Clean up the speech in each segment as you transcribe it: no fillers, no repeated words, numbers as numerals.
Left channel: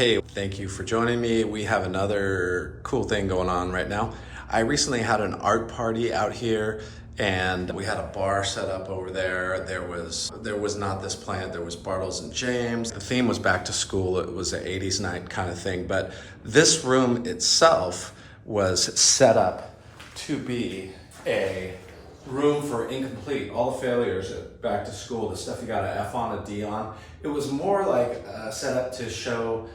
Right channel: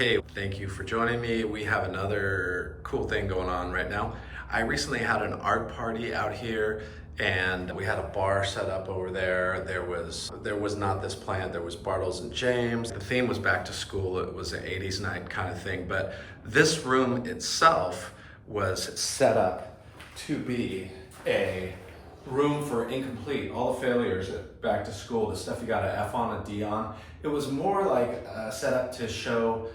Hey, thank you for joining me. We have another cool thing going on right now. I recently had an art party out here and we had a bar set up over there. There was not this plant, there was Bartles and James. The theme was back to school. It was an 80s night kind of thing, but this room itself was set up to be a room for incomplete, all the failures at back to school, the stuff you got an F on, a D on. It was more like set up to show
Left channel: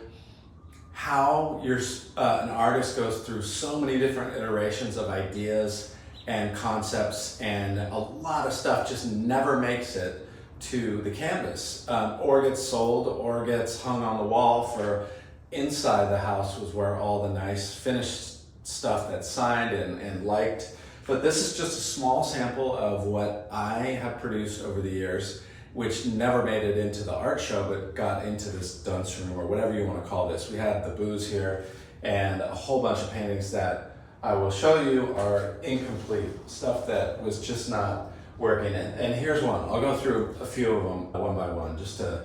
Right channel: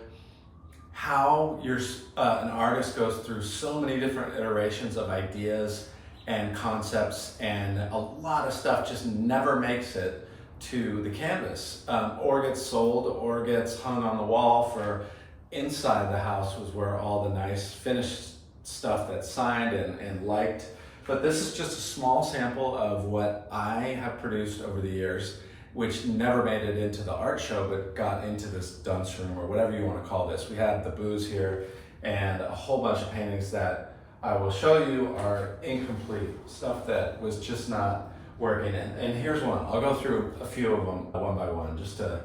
how an artist goes through so many different iterations of ideas and concepts, and a lot of stuff just never makes it to the canvas, or gets sold or gets hung on the wall. For inside the house was where all the nice finished stuff that's signed and liked. But this is just a small sample of what I have produced over the years, which never made it into the art show, but got into this dunce room, or whatever you want to call this. We had the booze here and a whole bunch of paintings that I will show you are incomplete, stuff that was just not working. And here's one. I'll go through a few of them one by one, just to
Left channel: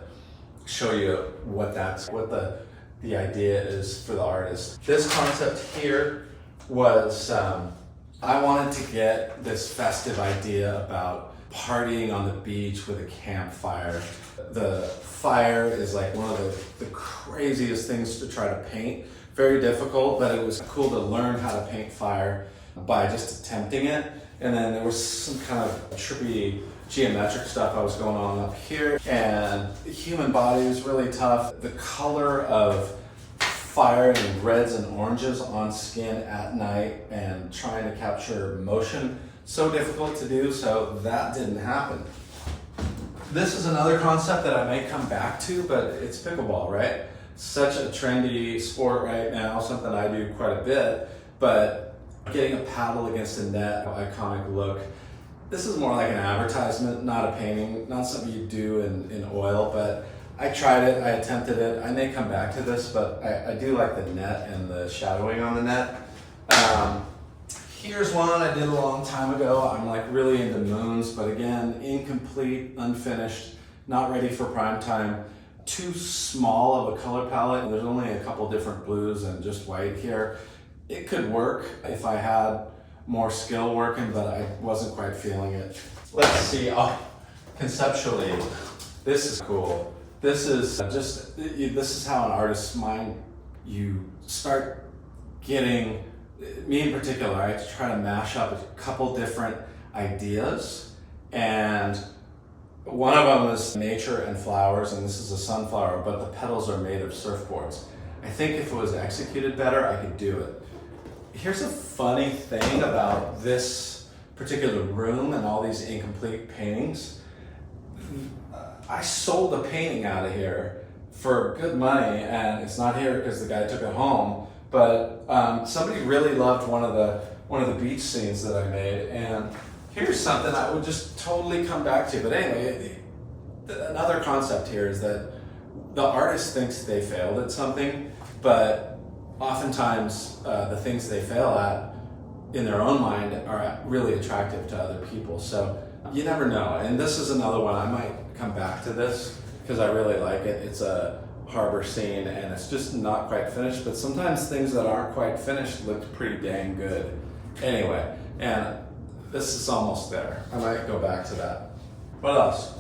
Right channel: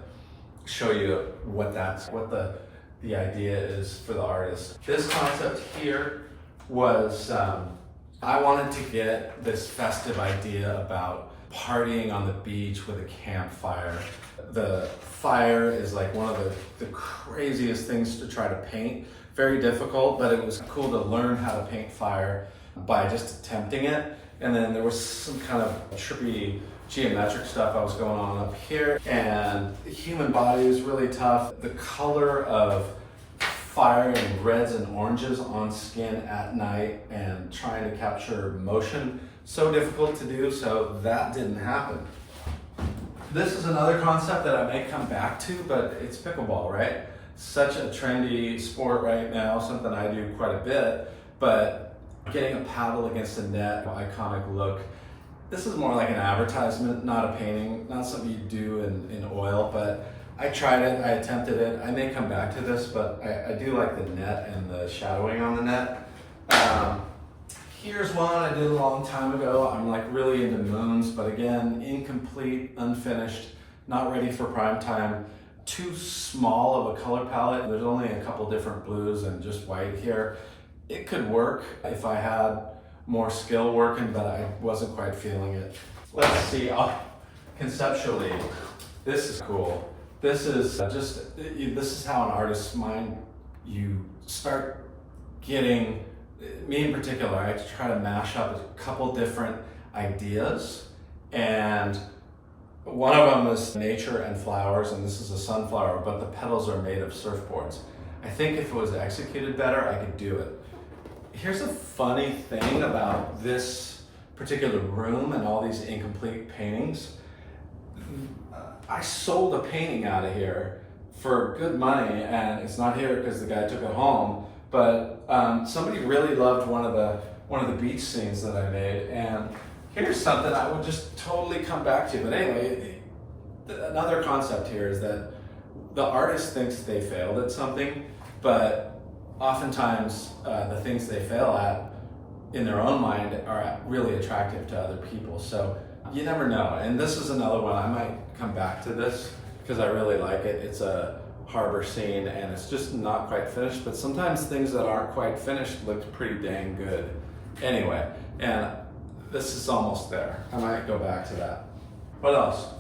show you what the idea is for the artist. This concept here was, I wanted to get this festive idea about partying on the beach with a campfire. The fire is like one of the craziest things to try to paint. Very difficult, but it was cool to learn how to paint fire by just attempting it. And then there was some kind of trippy geometric stuff I was going on up here. And the human body is really tough. The color of fire in reds and oranges on skin at night and trying to capture motion, so difficult to do, so that didn't happen. This is another concept that I may come back to, but it's pickleball, right? Such a trendy sport right now, something I do quite a bit, but getting a paddle against a net, iconic look. This is more like an advertisement, not a painting, not something you do in oil, but I tried it, I attempted it. I may come back to this, but I do like the net and the shadowing on the net. Here's one I did a long time ago. I'm like really into moons, but again, incomplete, unfinished, not ready for prime time. Too small of a color palette. There's only a couple different blues and just white here. It could work if I had more skill working, but I wasn't quite feeling it. Let's see, conceptually, this is cool. This is this is how an artist's mind, you start getting, me in particular, I try to mash up a couple different ideas, and one of them is nature and flowers, and this is a sunflower, but the petals are made of surfboards. I think if it was executed better, I could do it. Here's a funny thing about this particular room and all these incomplete paintings. I sold a painting out of here for good money, and it's not here because the guy took it home, but somebody really loved one of the beach scenes that I made, and here's something I would just totally come back to. But anyway, another concept here is that the artist thinks they failed at something, but oftentimes the things they fail at in their own mind are really attractive to other people. So you never know. And this is another one. I might come back to this because I really like it. It's a harbor scene and it's just not quite finished, but sometimes things that aren't quite finished look pretty dang good. Anyway, and this is almost there. I might go back to that. What else?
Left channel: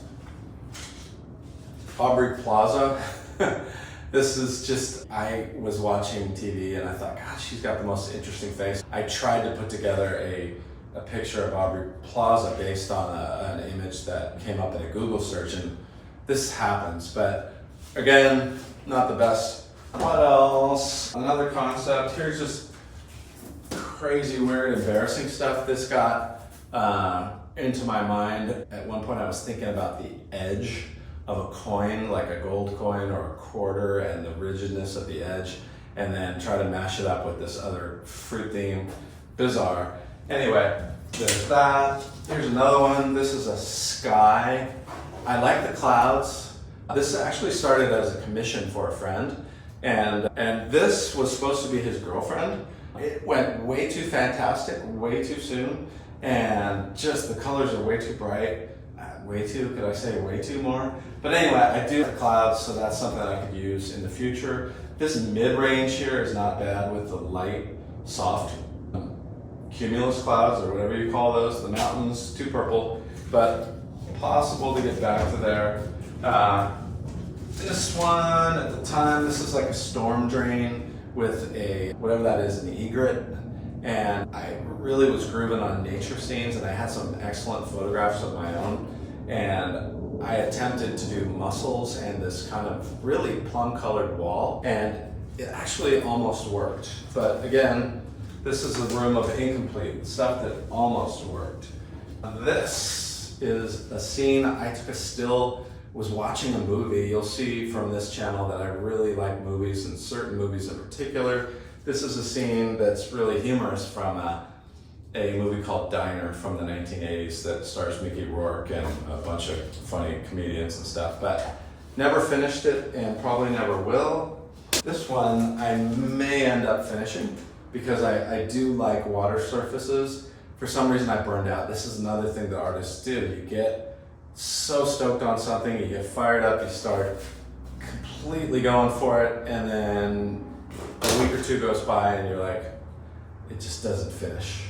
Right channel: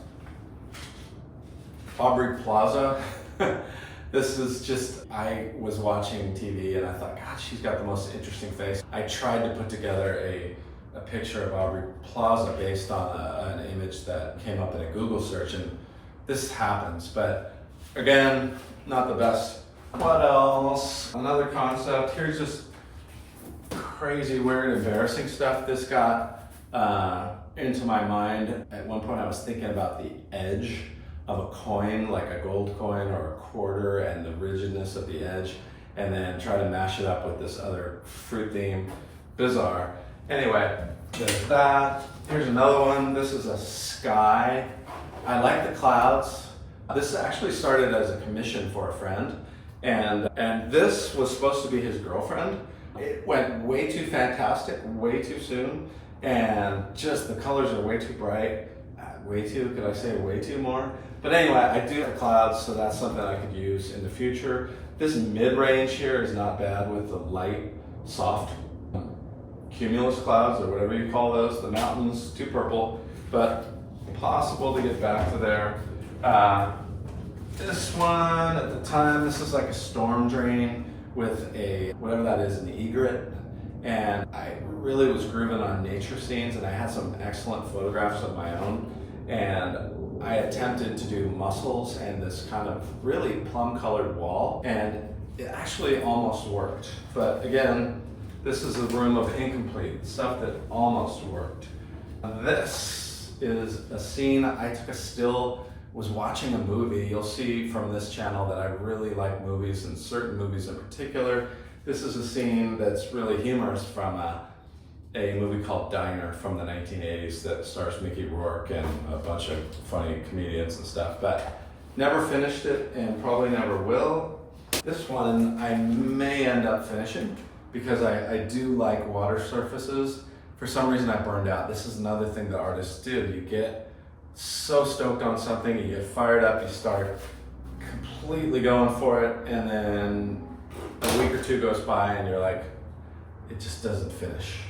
Aubrey Plaza. This is just, I was watching TV and I thought, God, she's got the most interesting face. I tried to put together a picture of Aubrey Plaza based on an image that came up in a Google search, and this happens, but again, not the best. What else? Another concept. Here's just crazy, weird, embarrassing stuff. This got into my mind. At one point I was thinking about the edge of a coin, like a gold coin or a quarter, and the rigidness of the edge, and then try to mash it up with this other fruit theme. Bizarre. Anyway, there's that. Here's another one. This is a sky. I like the clouds. This actually started as a commission for a friend, and this was supposed to be his girlfriend. It went way too fantastic, way too soon, and just the colors are way too bright. Way too, could I say way too more? But anyway, I do have the clouds, so that's something I could use in the future. This mid-range here is not bad with the light, soft cumulus clouds, or whatever you call those, the mountains, too purple, but possible to get back to there. This one, at the time, this is like a storm drain with a, whatever that is, an egret. And I really was grooving on nature scenes, and I had some excellent photographs of my own. And I attempted to do mussels and this kind of really plum-colored wall, and it actually almost worked. But again, this is a room of incomplete stuff that almost worked. This is a scene. I took a still, was watching a movie. You'll see from this channel that I really like movies, and certain movies in particular. This is a scene that's really humorous from a movie called Diner from the 1980s that stars Mickey Rourke and a bunch of funny comedians and stuff, but never finished it and probably never will. This one I may end up finishing because I do like water surfaces. For some reason I burned out. This is another thing that artists do. You get so stoked on something, you get fired up, you start completely going for it, and then a week or two goes by and you're like, it just doesn't finish.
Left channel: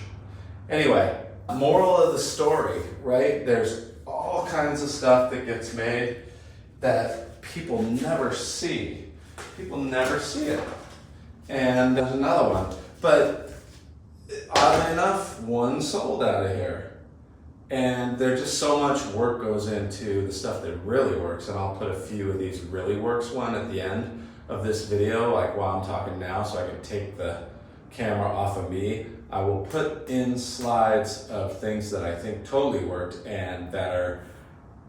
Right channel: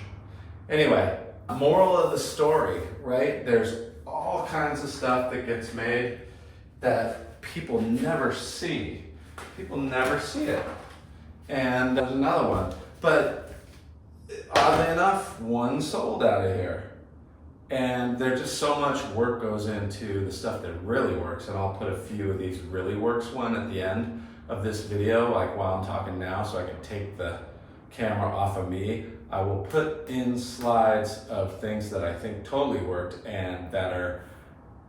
Anyway, moral of the story, right? There's all kinds of stuff that gets made that people never see. People never see it. And there's another one. But oddly enough, one sold out of here. And there's just so much work goes into the stuff that really works. And I'll put a few of these really works one at the end of this video, like while I'm talking now, so I can take the camera off of me. I will put in slides of things that I think totally worked and that are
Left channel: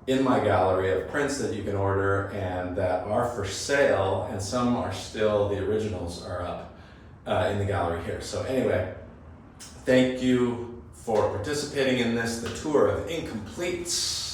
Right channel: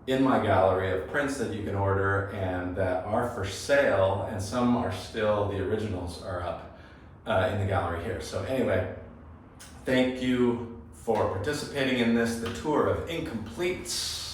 in my gallery of prints that you can order and that are for sale, and some are still, the originals are up in the gallery here. So anyway, thank you for participating in this, the tour of incompletes.